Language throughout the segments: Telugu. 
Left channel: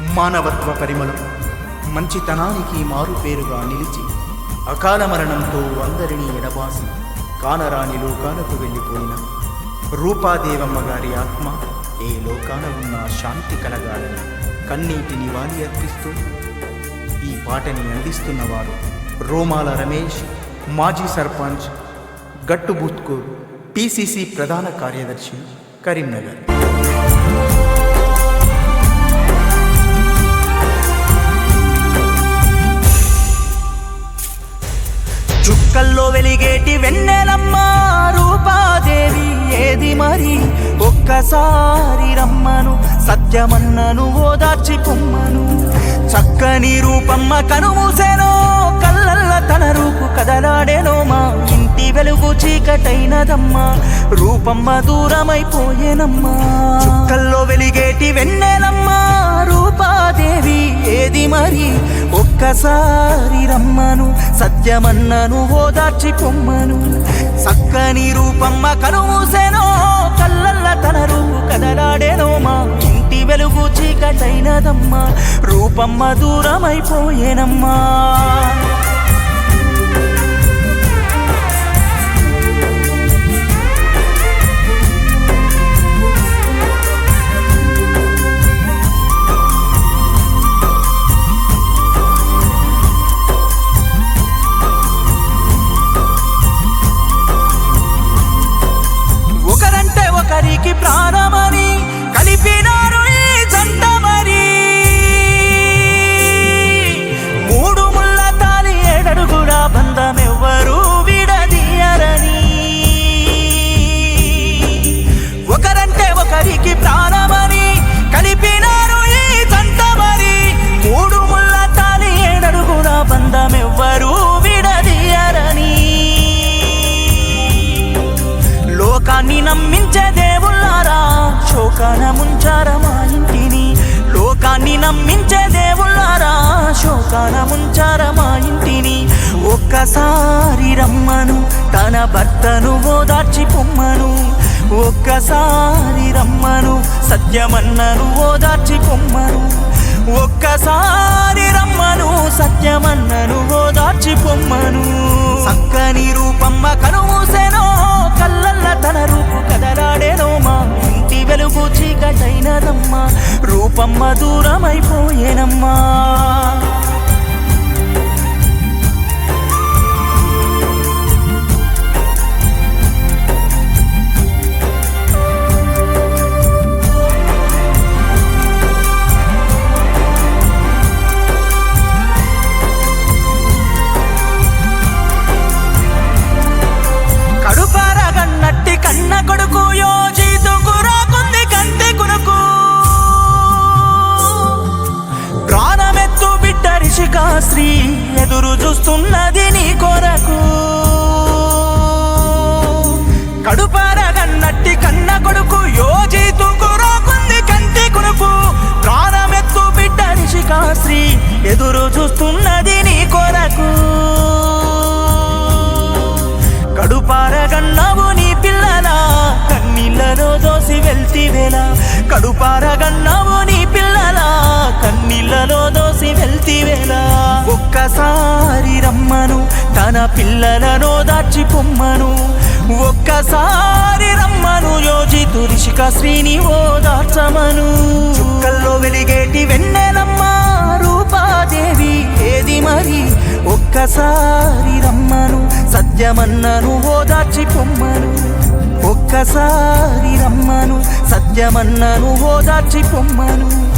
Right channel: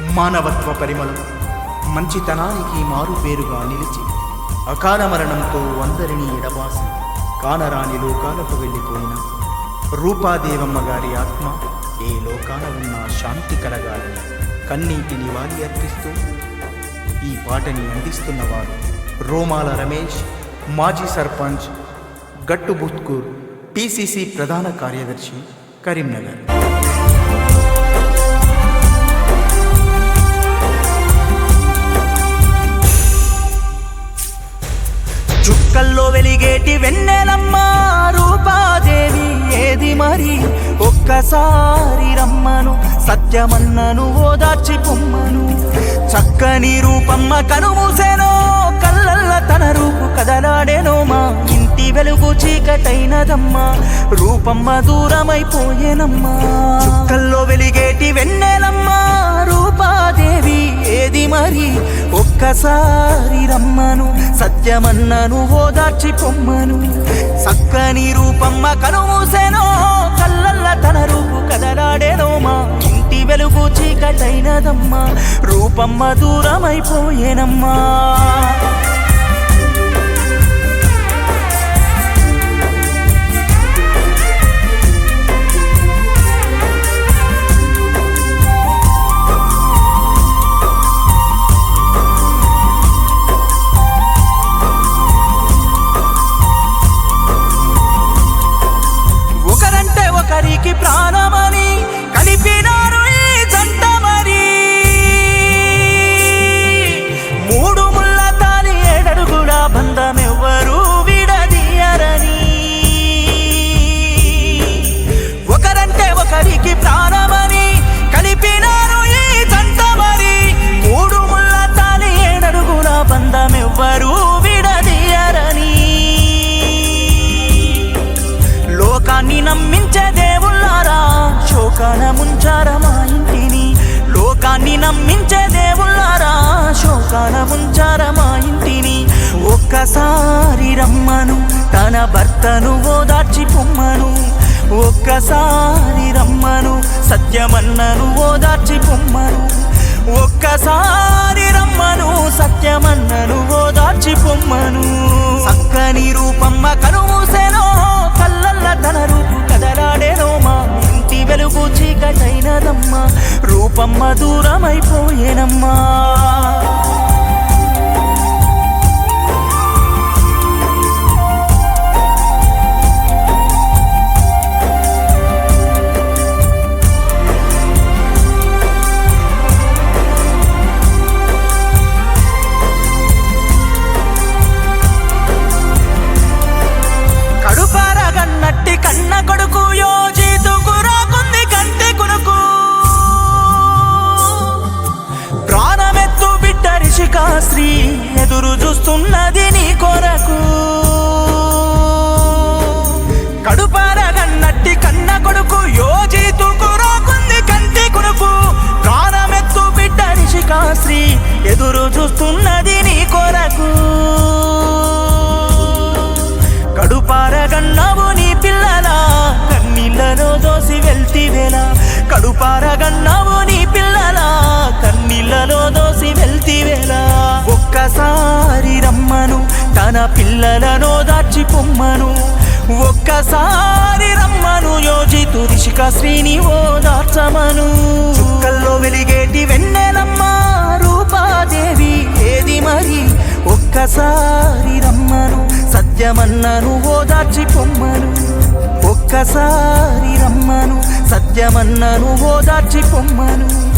మానవత్వ పరిమళం. మంచితనానికి మారుపేరుగా నిలిచి అకాల మరణంతో అందరినీ ఎడబాసి కానరాని లోకాలకు వెళ్ళిపోయిన రూపాదేవమ్మ గారి ఆత్మ ఏ లోకాన ఉన్న శాంతి కలగాలని కన్నీటి నివాళి అర్పిస్తూ ఈ పాటని అందిస్తున్నవారు రోమాల రమేష్ మాజీ సర్పంచ్ గట్టుబుత్కూర్ పిసిసి ప్రధాన కార్యదర్శి కరీంనగర్. వెలిగేటి వెన్నెలమ్మ రూపాదేవి ఏది మరి? ఒక్కసారి రమ్మను సత్యమన్నను ఓదార్చి పొమ్మను. చక్కని రూపమ్మ కనుమూసెనో కళ్ళల్ల తన రూపు కదలాడేనో మా. ఇంటి వెలుగు చీకటైనదమ్మా. రూపమ్మ దూరమైపోయేనమ్మా చుక్కల్లో వెలిగేటి వెన్నెలమ్మా. రూపాదేవి ఏది మరి? ఒక్కసారి రమ్మను. సత్యమన్నను ఓదార్చి పొమ్మను. సక్కని రూపమ్మ కనుమూసెనో కళ్ళల్ల తన రూపు కదలాడేనో మా. ఇంటి వెలుగు చీకటైనదమ్మా. రూపమ్మ దూరమైపోయేనమ్మా ఒకరంటే ప్రాణమని కలిపినారు ఈ జంట మరి. మూడు ముళ్ళ తాలి ఏడడుగుడా బంధమెవ్వరు విడదీయరని. ఒకరంటే ఒకరికి ప్రాణమని కలిపినారు ఈ జంట మరి. మూడు ముళ్ళ తాలి ఏడడుగుల బంధమెవ్వరు విడదీయరని. లోకాన్ని నమ్మించే దేవుళ్ళారా శోకాన ముంచారా మా ఇంటిని? లోకాన్ని నమ్మించే దేవుళ్ళారా? శోకాన ముంచారా మా ఇంటిని? ఒక్కసారి రమ్మను తన భర్తను ఓదార్చి పొమ్మను. ఒక్కసారి రమ్మను సత్యమన్నను ఓదార్చి పొమ్మను. ఒక్కసారి రమ్మను సత్యమన్నను ఓదార్చి పొమ్మను. చక్కని రూపమ్మ కనుమూసెనో కళ్ళల్ల తన రూపు కదలాడేనో మా. ఇంటి వెలుగు చీకటైనదమ్మా రూపమ్మ దూరమైపోయేనమ్మా. రిషికా ఎదురు చూస్తున్నది నీ కొరకు. కడుపారగన్నట్టి కన్న కొడుకు యోజితుకు కొరకుంది కంటి కొనుకు ప్రాణమెత్తు బిడ్డ రిషికా ఎదురు చూస్తున్నది నీ కొరకు. కడుపారగన్నావు నీ పిల్లలా కన్నీళ్ళను దోసి వెళ్తివేలా కడుపారగన్నావు ఒక్కసారి రమ్మను తన పిల్లలను దాచి పొమ్మను. ఒక్కసారి రమ్మను యోజితు రిషిక శ్రీని ఓదార్చమను చుక్కల్లో వెలిగేటి వెన్నెలమ్మ రూపాదేవి ఏది మరి? ఒక్కసారి రమ్మను సత్యమన్నను ఓదార్చి పొమ్మను. ఒక్కసారి రమ్మను సత్యమన్నను ఓదార్చి పొమ్మను.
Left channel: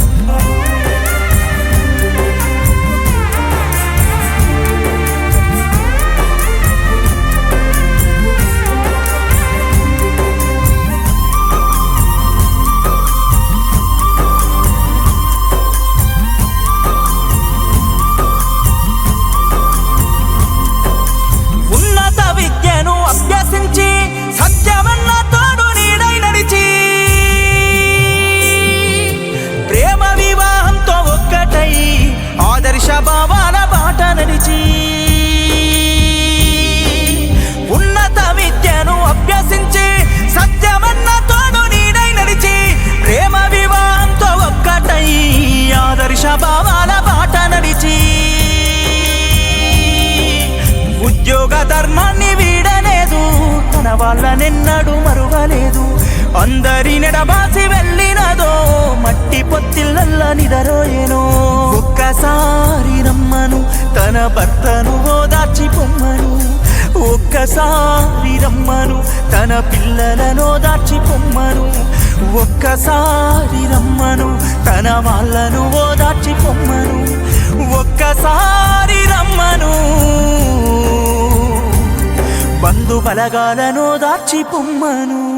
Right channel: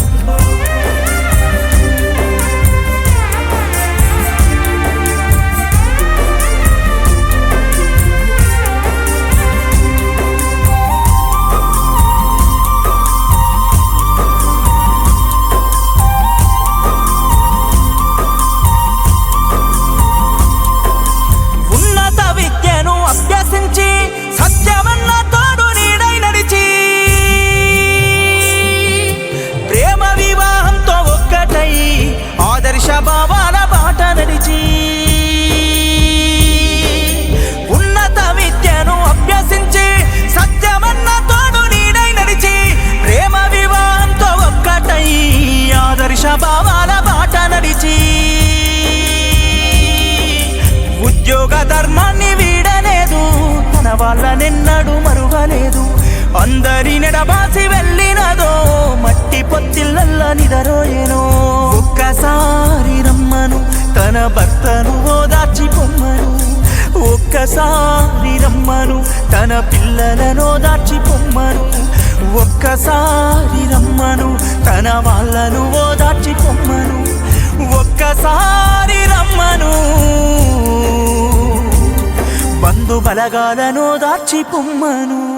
ఆదర్శ భావాల బాట నడిచి ఉన్నత విద్యను అభ్యసించి సత్యమన్న తోడు నీడై నడిచి ప్రేమ వివాహంతో ఒక్కటై ఆదర్శ భావాల బాట నడిచి ఉద్యోగ ధర్మాన్ని వీడలేదు తన వాళ్ళనెన్నడూ మరువలేదు అందరి నెడబాసి వెళ్ళినదో మట్టి పొత్తిళ్ళల్ల నిదరోయెనో. ఒక్కసారి రమ్మను తన భర్తను ఓదార్చి పొమ్మను. ఒక్కసారి రమ్మను తన పిల్లలను ఓదార్చి పొమ్మను. ఒక్కసారి రమ్మను తన వాళ్ళను ఓదార్చి పొమ్మను. ఒక్కసారి రమ్మను. బంధు బలగాలను దాచి పొమ్మను.